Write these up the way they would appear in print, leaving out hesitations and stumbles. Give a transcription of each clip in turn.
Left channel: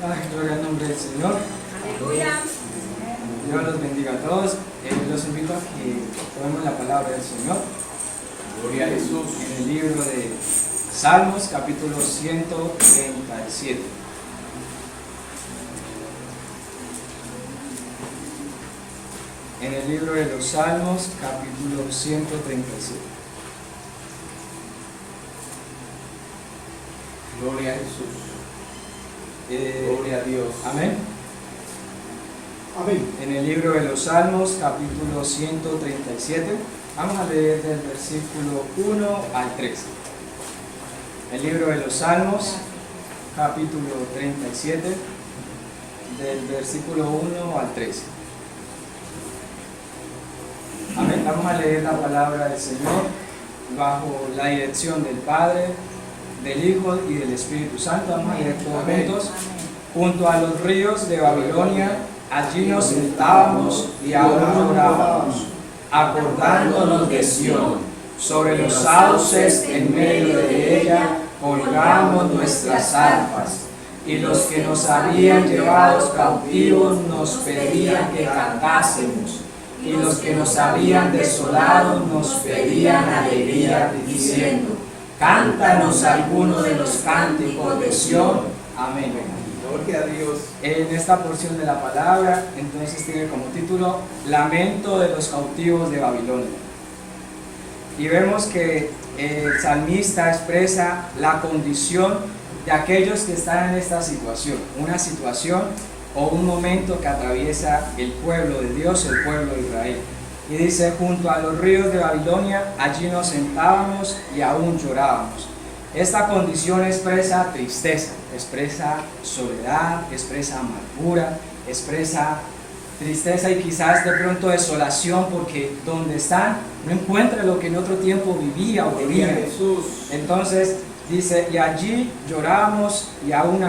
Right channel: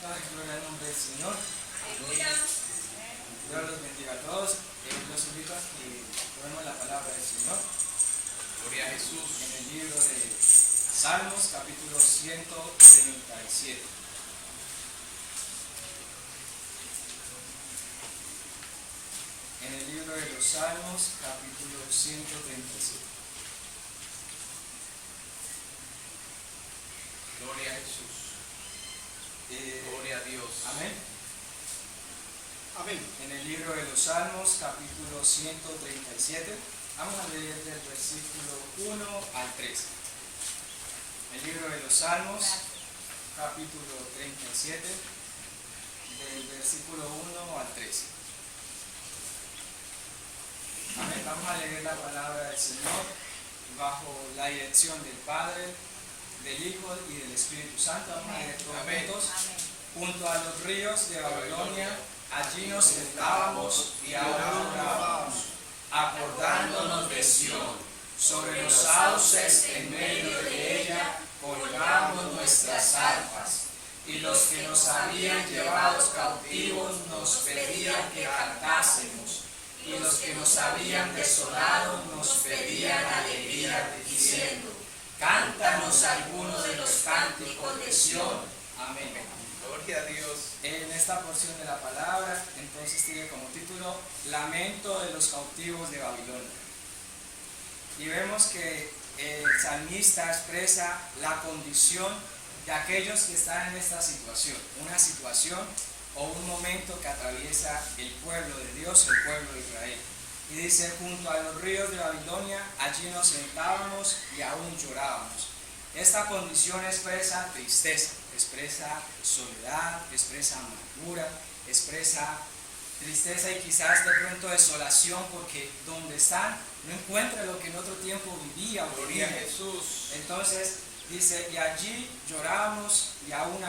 Ay, gloria al nombre del Señor. Aleluya. Dios los bendiga a todos. Los invito a que podamos la palabra del Señor. Gloria a Jesús. En el libro de Salmos, capítulo 137. En el libro de los Salmos, capítulo 137. Gloria a Jesús. Gloria a Dios. Amén. Amén. En el libro de los Salmos, capítulo 137, vamos a leer del versículo 1 al 13. El libro de los Salmos, capítulo 37, del versículo 1 al 13. Amén. Vamos a leer la palabra del Señor bajo la dirección del Padre, del Hijo y del Espíritu Santo. Vamos a leer todos juntos. Junto a los ríos de Babilonia, allí nos sentábamos y aún orábamos, acordándonos de Sión. Sobre los sauces en medio de ella colgamos nuestras arpas, y los que nos habían llevado cautivos nos pedían que cantásemos, y los que nos habían desolado nos pedían alegría, diciendo: cántanos alguno de los cánticos de Sión. Amén. Gloria a Dios. En esta porción de la palabra, entonces tiene como título Lamento de los cautivos de Babilonia. Y vemos que el salmista expresa la condición de aquellos que están en esta situación, una situación o un momento que atraviesa el pueblo de Dios, el pueblo de Israel. Y dice: junto a los ríos de Babilonia, allí nos sentábamos y aún llorábamos. Esta condición expresa tristeza, expresa soledad, expresa amargura, expresa tristeza y quizás de pronto desolación, porque donde están no encuentra lo que en otro tiempo vivía o Gloria a tenía. Jesús. Entonces dice: y allí llorábamos y aún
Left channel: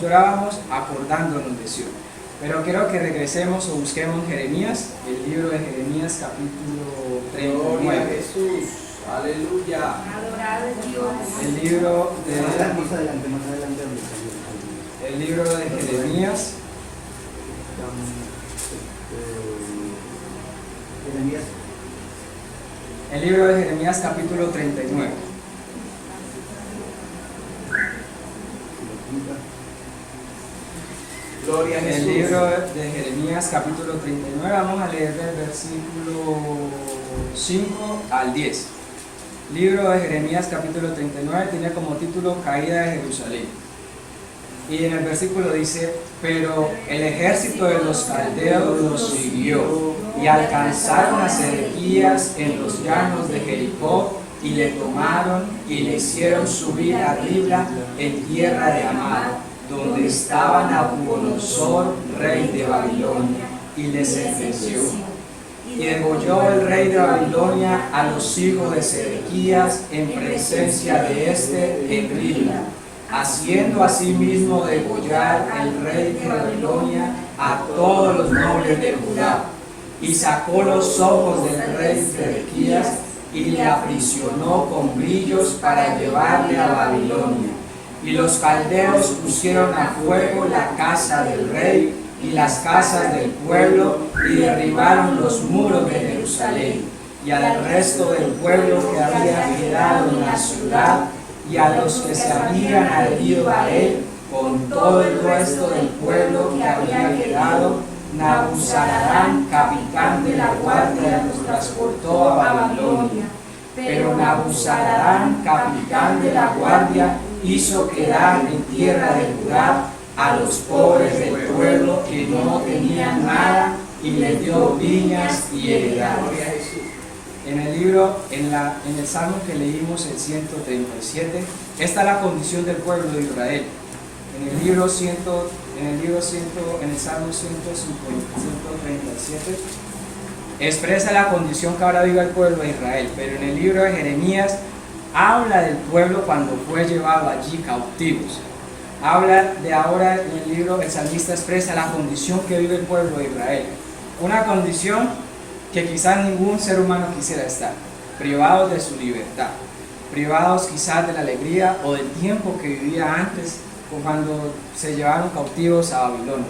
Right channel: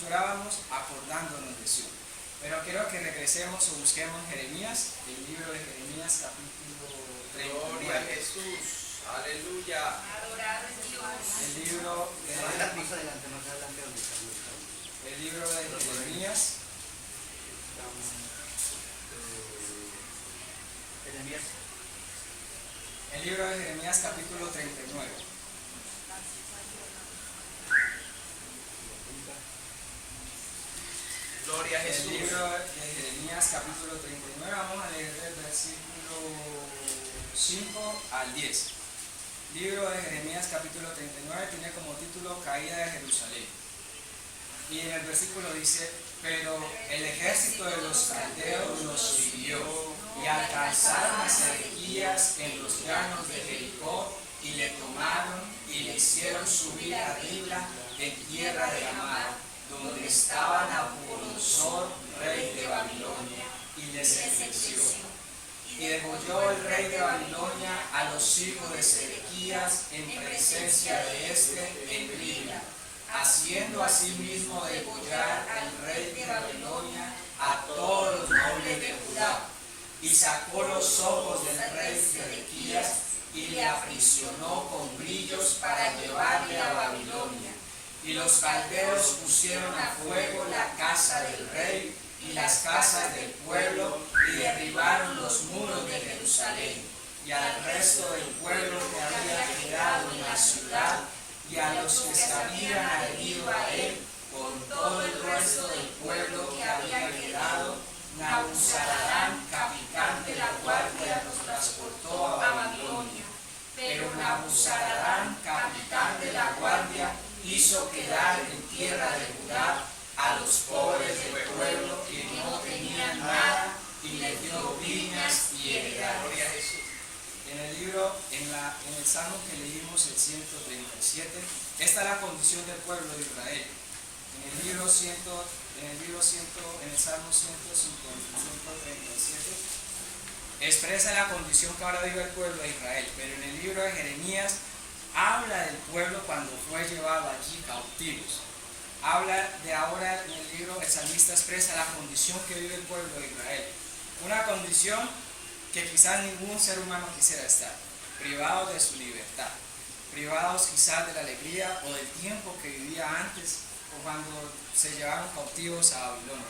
llorábamos acordándonos de Sion. Pero quiero que regresemos o busquemos Jeremías, el libro de Jeremías capítulo Gloria a 39. Jesús. Aleluya. Adorado es Dios. El libro Más de, adelante, donde está el libro de Jeremías, Jeremías. el libro de Jeremías capítulo 39. Gloria a Jesús. El libro de Jeremías capítulo 39, vamos a leer del versículo 5 al 10. Libro de Jeremías capítulo 39 tiene como título Caída de Jerusalén. Y en el versículo dice: pero el ejército de los caldeos los siguió y alcanzaron a Sedequías en los llanos de Jericó, y le tomaron y le hicieron subir a Ribla en tierra de Amad, donde estaba Nabucodonosor, rey de Babilonia, y les sentenció. Y degolló el rey de Babilonia a los hijos de Sedequías en presencia de éste en Ribla, haciendo asimismo degollar al rey de Babilonia a todos los nobles de Judá. Y sacó los ojos del rey Sedequías y le aprisionó con grillos para llevarle a Babilonia. Y los caldeos pusieron a fuego la casa del rey y las casas del pueblo, y derribaron los muros de Jerusalén, y al resto del pueblo que había quedado en la ciudad, y a los que se habían adherido a él, con todo el resto del pueblo que había quedado, Nabuzaradán, capitán de la guardia, los transportó a Babilonia. Pero Nabuzaradán, capitán de la guardia, hizo quedar en tierra de Judá a los pobres del pueblo que no tenían nada, y les dio viñas y heredades. Gloria a Jesús. En el libro, en el Salmo que leímos, el 137, esta es la condición del pueblo de Israel. En el Salmo 137 expresa la condición que ahora vive el pueblo de Israel, pero en el libro de Jeremías habla del pueblo cuando fue llevado allí cautivos. Habla de ahora, en el libro el salmista expresa la condición que vive el pueblo de Israel, una condición que quizás ningún ser humano quisiera estar, privados de su libertad, privados quizás de la alegría o del tiempo que vivía antes cuando se llevaron cautivos a Babilonia.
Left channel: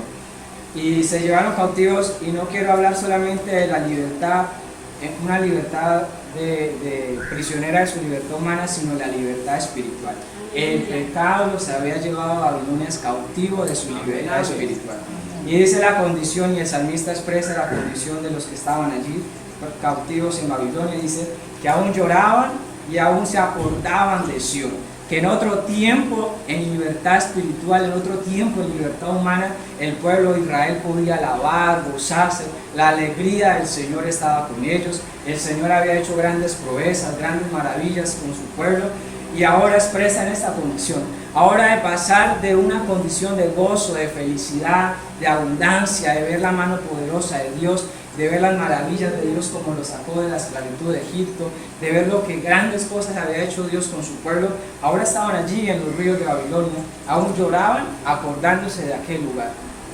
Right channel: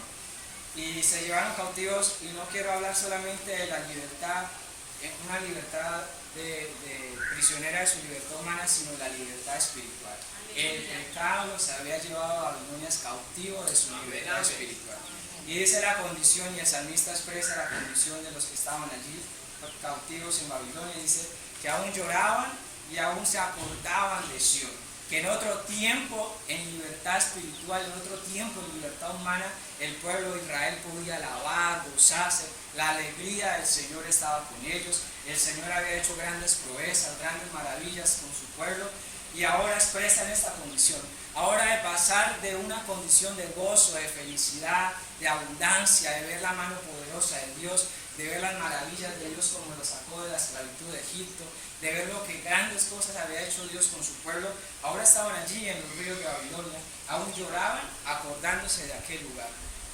Y se llevaron cautivos, y no quiero hablar solamente de la libertad, una libertad de prisionera de su libertad humana, sino la libertad espiritual. El pecado los había llevado a Babilonia cautivo de su libertad espiritual. Y dice la condición, y el salmista expresa la condición de los que estaban allí cautivos en Babilonia, dice que aún lloraban y aún se acordaban de Sion, que en otro tiempo en libertad espiritual, en otro tiempo en libertad humana, el pueblo de Israel podía alabar, gozarse, la alegría del Señor estaba con ellos, el Señor había hecho grandes proezas, grandes maravillas con su pueblo, y ahora expresan esta condición. Ahora de pasar de una condición de gozo, de felicidad, de abundancia, de ver la mano poderosa de Dios, de ver las maravillas de Dios como lo sacó de la esclavitud de Egipto, de ver lo que grandes cosas había hecho Dios con su pueblo, ahora estaban allí en los ríos de Babilonia, aún lloraban acordándose de aquel lugar,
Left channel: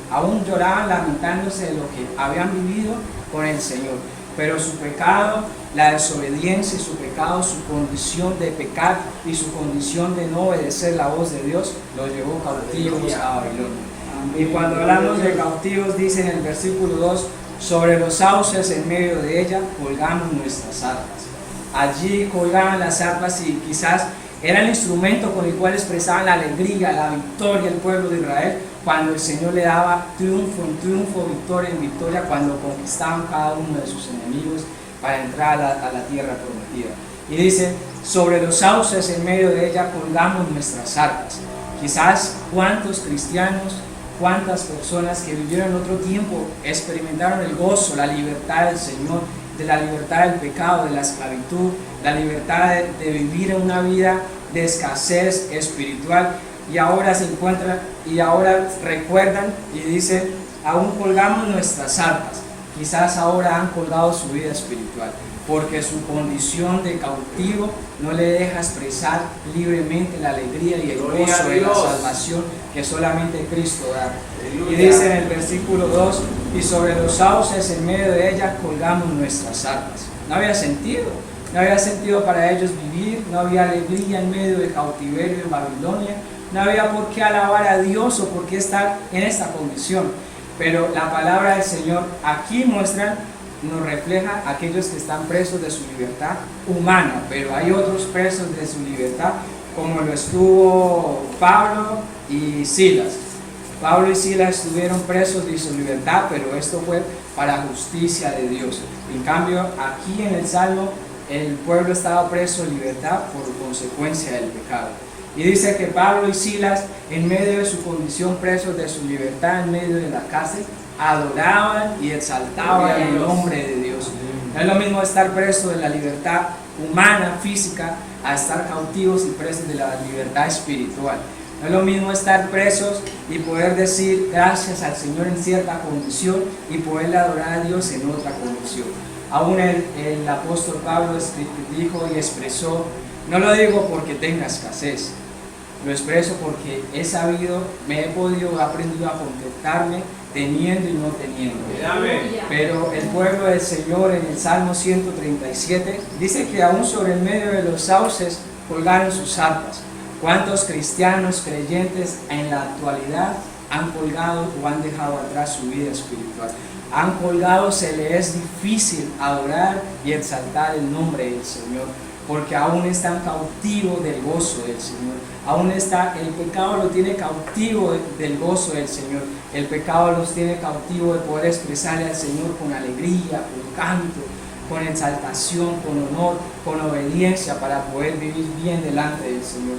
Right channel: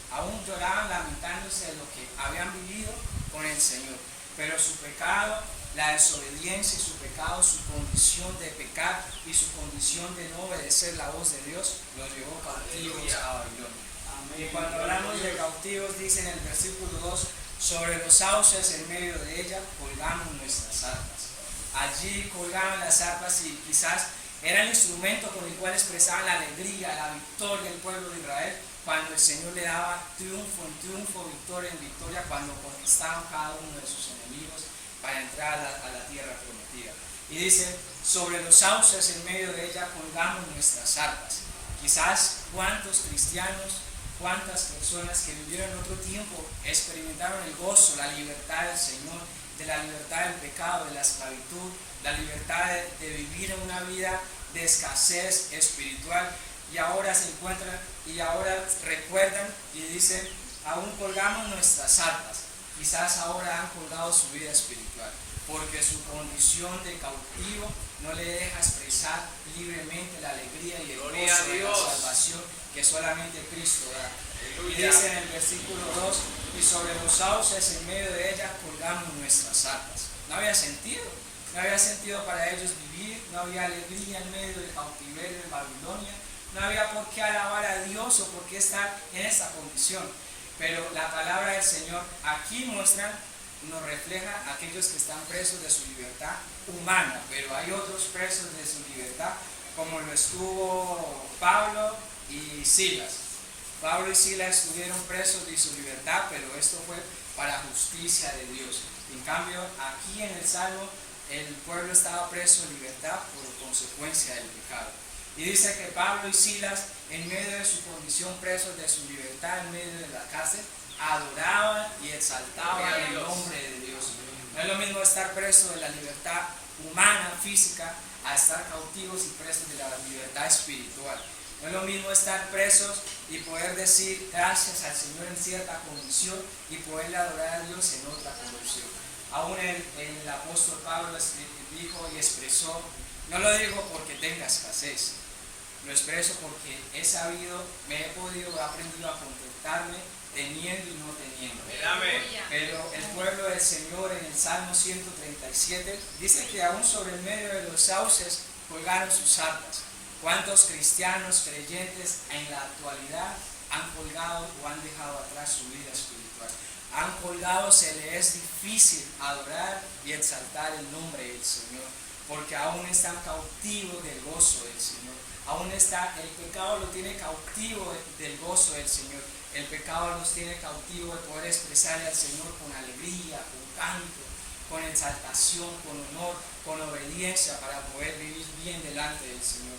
aún lloraban lamentándose de lo que habían vivido con el Señor, pero su pecado, la desobediencia y su pecado, su condición de pecar y su condición de no obedecer la voz de Dios, los llevó cautivos a Babilonia. Y cuando hablamos de cautivos, dice en el versículo 2, sobre los sauces en medio de ella colgamos nuestras arpas. Allí colgaban las arpas y quizás era el instrumento con el cual expresaban la alegría, la victoria del pueblo de Israel, cuando el Señor le daba triunfo en triunfo, victoria en victoria, cuando conquistaban cada uno de sus enemigos para entrar a la tierra prometida. Y dice, sobre los sauces en medio de ella colgamos nuestras arpas. Quizás cuántos cristianos, cuántas personas que vivieron en otro tiempo experimentaron el gozo, la libertad del Señor, de la libertad del pecado, de la esclavitud, la libertad de vivir en una vida de escasez espiritual, y ahora se encuentran y ahora recuerdan y dicen, aún colgamos nuestras arpas. Quizás ahora han colgado su vida espiritual, porque su condición de cautivo no le deja expresar libremente la alegría y el gozo de la salvación que solamente Cristo da. Y dice en el versículo 2, y sobre los sauces en medio de ella colgamos nuestras arpas. No había sentido para ellos vivir, no había alegría en medio del cautiverio en Babilonia, no había por qué alabar a Dios o por qué estar en esta condición. Pero la palabra del Señor aquí nos refleja a aquellos que están presos de su libertad humana, pero hay otros presos de su libertad, como lo estuvo Pablo y Silas. Pablo y Silas estuvieron presos de su libertad, pero esto fue para justicia de Dios. En cambio, aquí en el Salmo, el pueblo estaba preso de libertad por consecuencia del pecado. Y dice que Pablo y Silas, en medio de su condición presos de su libertad, en medio de la cárcel, adoraban y exaltaban el nombre de Dios. No es lo mismo estar preso de la libertad humana, física, a estar cautivos y presos de la libertad espiritual. No es lo mismo estar presos y poder decir gracias al Señor en cierta condición y poderle adorar a Dios en otra condición. Aún el apóstol Pablo dijo y expresó, no lo digo porque tenga escasez, lo expreso porque he aprendido a contentarme teniendo y no teniendo. Pero el pueblo del Señor en el Salmo 137 dice que aún sobre el medio de los sauces colgaron sus arpas. ¿Cuántos cristianos creyentes en la actualidad han colgado o han dejado atrás su vida espiritual? Han colgado, se les es difícil adorar y exaltar el nombre del Señor, porque aún están cautivos del gozo del Señor. El pecado lo tiene cautivo del gozo del Señor. El pecado los tiene cautivo de poder expresarle al Señor con alegría, con canto, con exaltación, con honor, con obediencia, para poder vivir bien delante del Señor.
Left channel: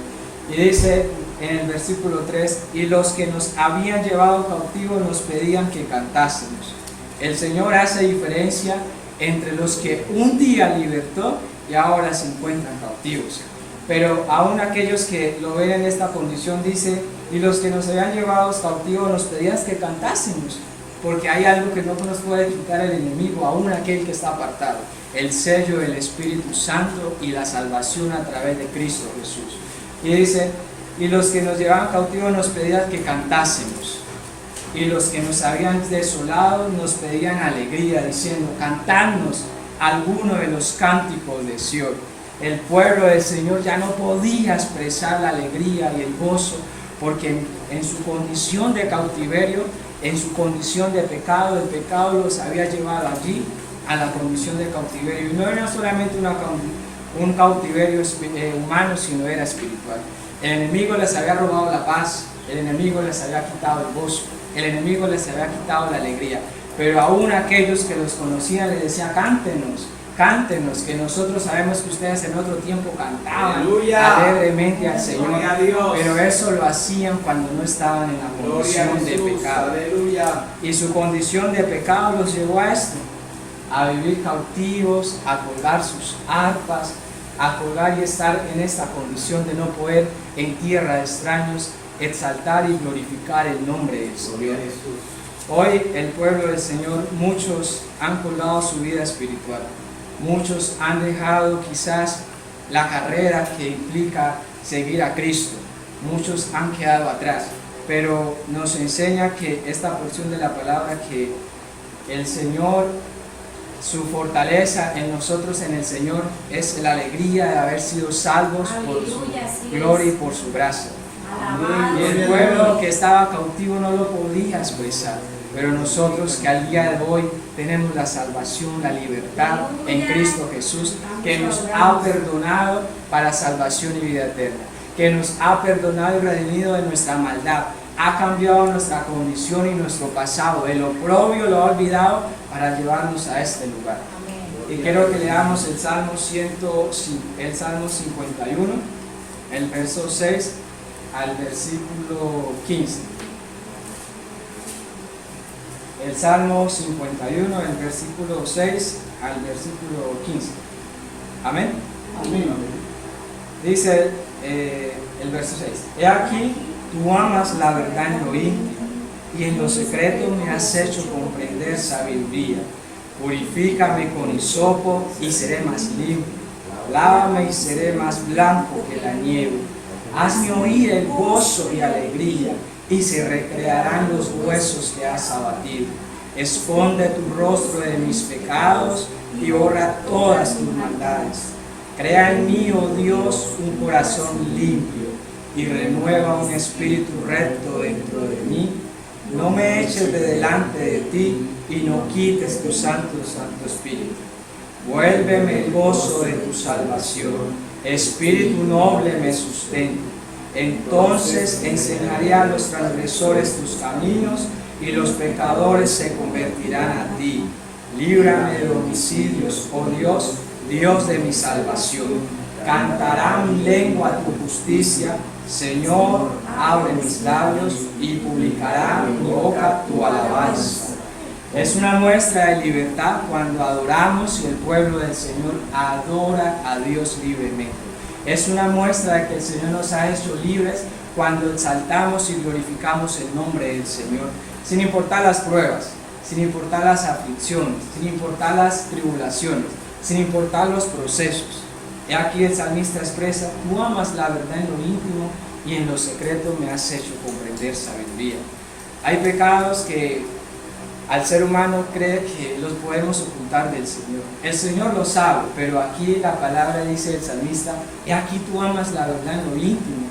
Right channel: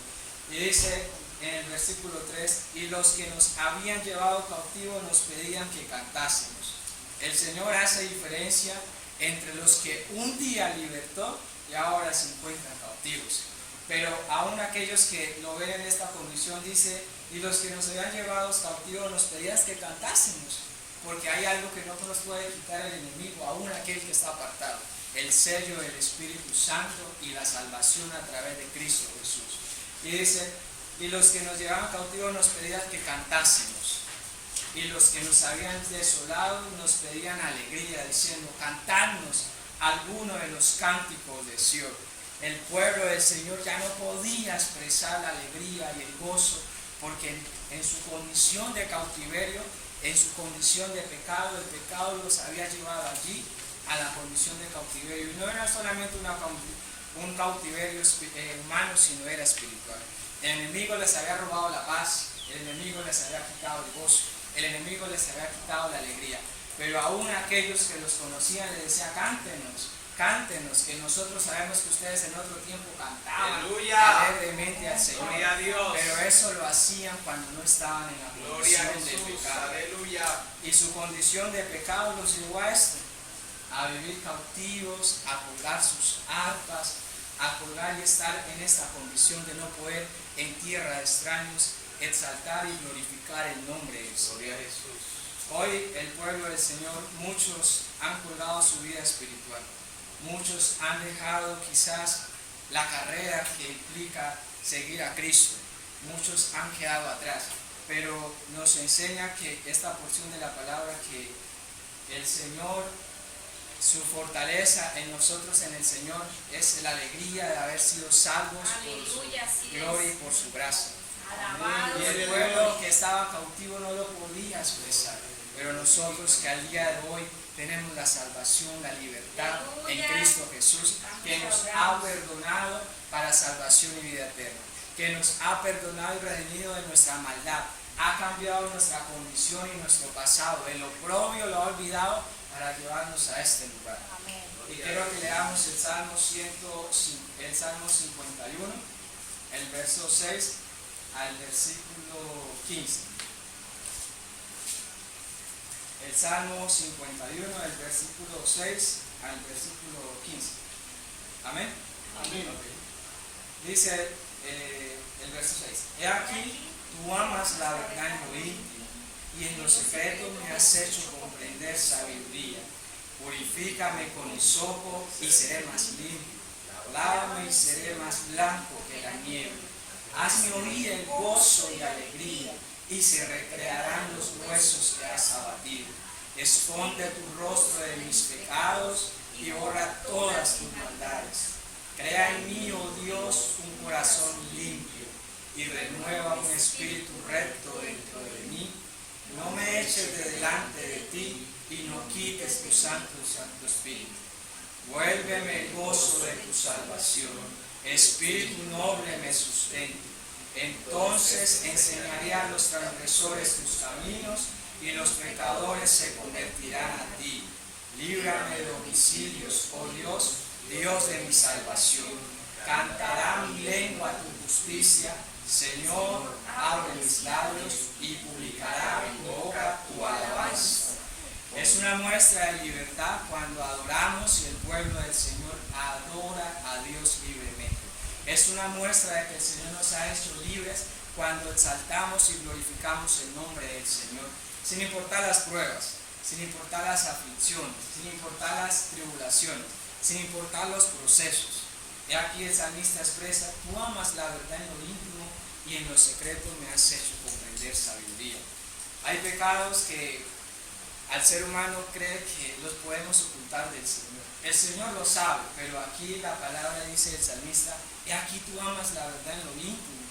Y dice en el versículo 3, y los que nos habían llevado cautivos nos pedían que cantásemos. El Señor hace diferencia entre los que un día libertó y ahora se encuentran cautivos. Pero aún aquellos que lo ven en esta condición, dice, y los que nos habían llevado cautivos nos pedían que cantásemos, porque hay algo que no nos puede quitar el enemigo, aún aquel que está apartado, el sello del Espíritu Santo y la salvación a través de Cristo Jesús. Y dice, y los que nos llevaban cautivos nos pedían que cantásemos, y los que nos habían desolado nos pedían alegría, diciendo, cantadnos alguno de los cánticos de Sion. El pueblo del Señor ya no podía expresar la alegría y el gozo porque en su condición de cautiverio, en su condición de pecado, el pecado los había llevado allí a la condición de cautiverio. Y no era solamente un cautiverio humano, sino era espiritual. El enemigo les había robado la paz, el enemigo les había quitado el gozo, el enemigo les había quitado la alegría. Pero aún aquellos que los conocían les decían: cántenos, cántenos, que nosotros sabemos que ustedes en otro tiempo cantaban alegremente al Señor. Pero eso lo hacían cuando no estaban en la condición de pecado. Aleluya. Y su condición de pecado los llevó a esto, a vivir cautivos, a colgar sus arpas, a colgar y estar en esta condición de no poder en tierra de extraños exaltar y glorificar el nombre del Gloria a Señor. Jesús. Hoy el pueblo del Señor, muchos han colgado su vida espiritual, muchos han dejado quizás la carrera que implica seguir a Cristo, muchos han quedado atrás, pero nos enseña que esta porción de la palabra, que el Señor, su fortaleza en nosotros, en el Señor, es la alegría de haber sido salvos por su Aleluya, así gloria y es. por su gracia. Alabado. Y el pueblo que estaba cautivo no lo podía expresar, pero nosotros que al día de hoy tenemos la salvación, la libertad en Cristo Jesús, que nos ha perdonado para salvación y vida eterna, que nos ha perdonado y redimido de nuestra maldad, ha cambiado nuestra condición y nuestro pasado, el oprobio lo ha olvidado para llevarnos a este lugar. Amén. Y quiero que leamos el Salmo 51, el verso 6 al versículo 15. El Salmo 51, el versículo 6 al versículo 15. Amén. Amén. Dice el verso 6. He aquí, tú amas la verdad en lo íntimo, y en lo secreto me has hecho comprender sabiduría. Purifícame con hisopo y seré más limpio. Lávame y seré más blanco que la nieve. Hazme oír el gozo y alegría, y se recrearán los huesos que has abatido. Esconde tu rostro de mis pecados y borra todas tus maldades. Crea en mí, oh Dios, un corazón limpio y renueva un espíritu recto dentro de mí. No me eches de delante de ti y no quites tu santo espíritu. Vuélveme el gozo de tu salvación, espíritu noble me sustenta. Entonces enseñaré a los transgresores tus caminos y los pecadores se convertirán a ti. Líbrame de homicidios, oh Dios, Dios de mi salvación. Cantará mi lengua tu justicia, Señor, abre mis labios y publicará mi boca tu alabanza. Es una muestra de libertad cuando adoramos y el pueblo del Señor adora a Dios libremente. Es una muestra de que el Señor nos ha hecho libres cuando exaltamos y glorificamos el nombre del Señor, sin importar las pruebas, sin importar las aflicciones, sin importar las tribulaciones, sin importar los procesos. Y aquí el salmista expresa: tú amas la verdad en lo íntimo y en lo secreto me has hecho comprender sabiduría. Hay pecados que al ser humano cree que los podemos ocultar del Señor. El Señor lo sabe, pero aquí la palabra dice el salmista: y aquí tú amas la verdad en lo íntimo.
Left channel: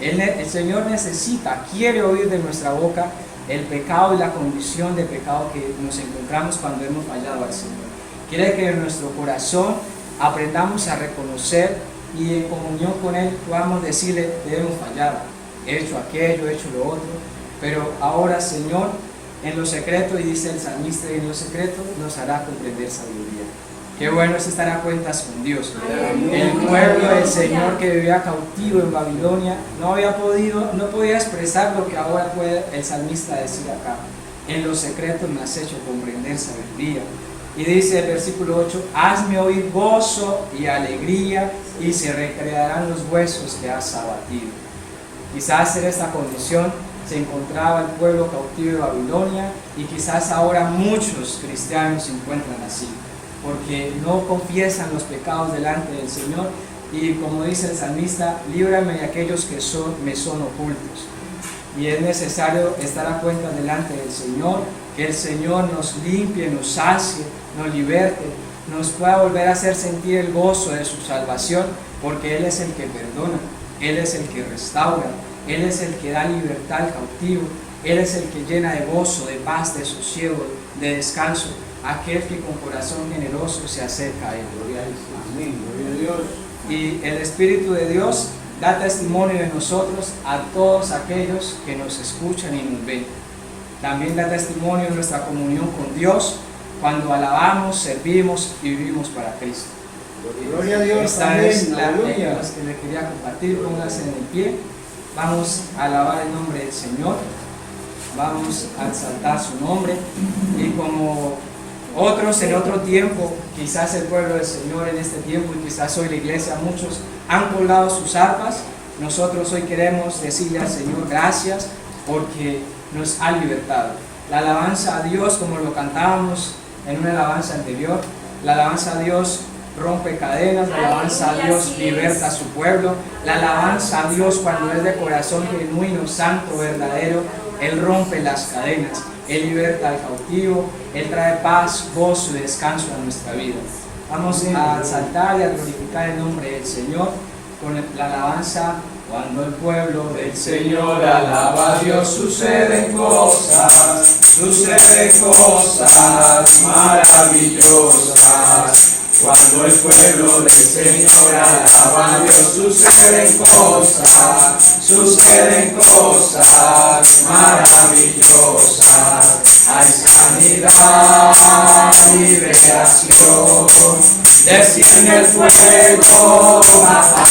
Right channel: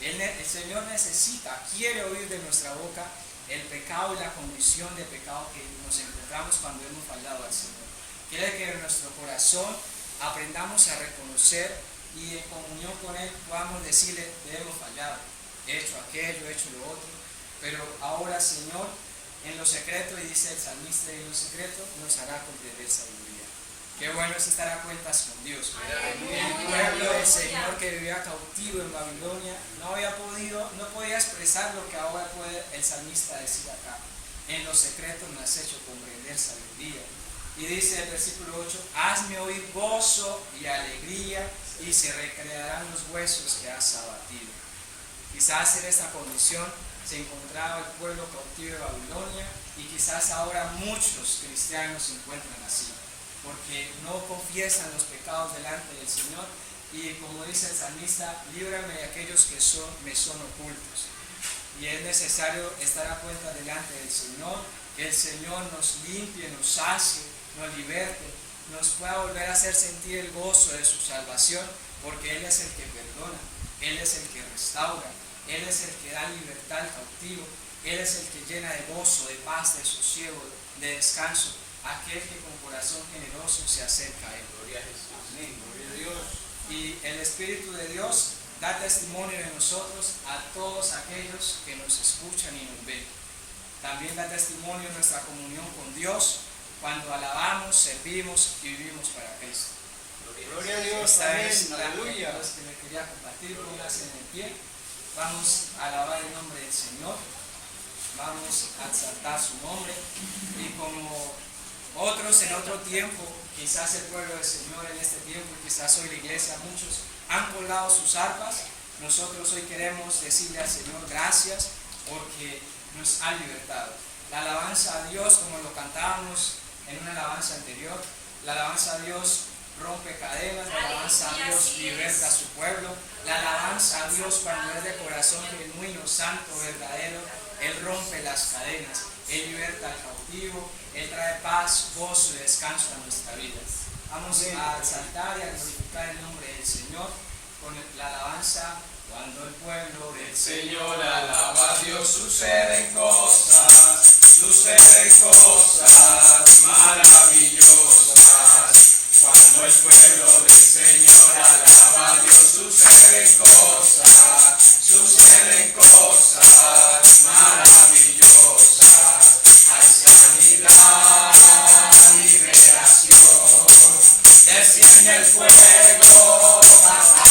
El Señor necesita, quiere oír de nuestra boca el pecado y la condición de pecado que nos encontramos cuando hemos fallado al Señor. Quiere que en nuestro corazón aprendamos a reconocer y en comunión con Él podamos decirle: debemos fallar, he hecho aquello, he hecho lo otro, pero ahora, Señor, en lo secreto, y dice el salmista, y en lo secreto nos hará comprender sabiduría. Qué bueno es estar a cuentas con Dios. El pueblo del Señor que vivía cautivo en Babilonia no podía expresar lo que ahora puede el salmista decir acá. En lo secreto me has hecho comprender sabiduría. Y dice el versículo 8: hazme oír gozo y alegría, y se recrearán los huesos que has abatido. Quizás en esta condición se encontraba el pueblo cautivo de Babilonia, y quizás ahora muchos cristianos se encuentran así, porque no confiesan los pecados delante del Señor, y como dice el salmista: líbrame de aquellos que me son ocultos. Y es necesario estar a cuenta delante del Señor, que el Señor nos limpie, nos sacie, nos liberte, nos pueda volver a hacer sentir el gozo de su salvación, porque Él es el que perdona, Él es el que restaura, Él es el que da libertad al cautivo, Él es el que llena de gozo, de paz, de sosiego, de descanso, aquel que con corazón generoso se acerca a Él. Gloria a Jesús. Amén. Gloria a Dios. Y el Espíritu de Dios da testimonio de nosotros a todos aquellos que nos escuchan y nos ven. También da testimonio de nuestra comunión con Dios cuando alabamos, servimos y vivimos para Cristo. Gloria a Dios. Esta Amén. es la Aleluya. ley que le quería compartir. Pónganse en el pie. Vamos a alabar el nombre del Señor. Vamos a exaltar su nombre. Y como otros en otro tiempo, quizás el pueblo del Señor en este tiempo y quizás hoy la iglesia, muchos han colgado sus arpas. Nosotros hoy queremos decirle al Señor gracias porque nos ha libertado. La alabanza a Dios, como lo cantábamos en una alabanza anterior, la alabanza a Dios rompe cadenas, la alabanza a Dios liberta a su pueblo, la alabanza a Dios cuando es de corazón genuino, santo, verdadero, Él rompe las cadenas, Él liberta al cautivo, Él trae paz, gozo y descanso a nuestra vida. Vamos a exaltar y a glorificar el nombre del Señor con la alabanza. Cuando el pueblo del Señor alaba a Dios, suceden cosas maravillosas. Cuando el pueblo del Señor alaba a Dios, suceden cosas maravillosas. Hay sanidad, liberación, desciende el fuego, baja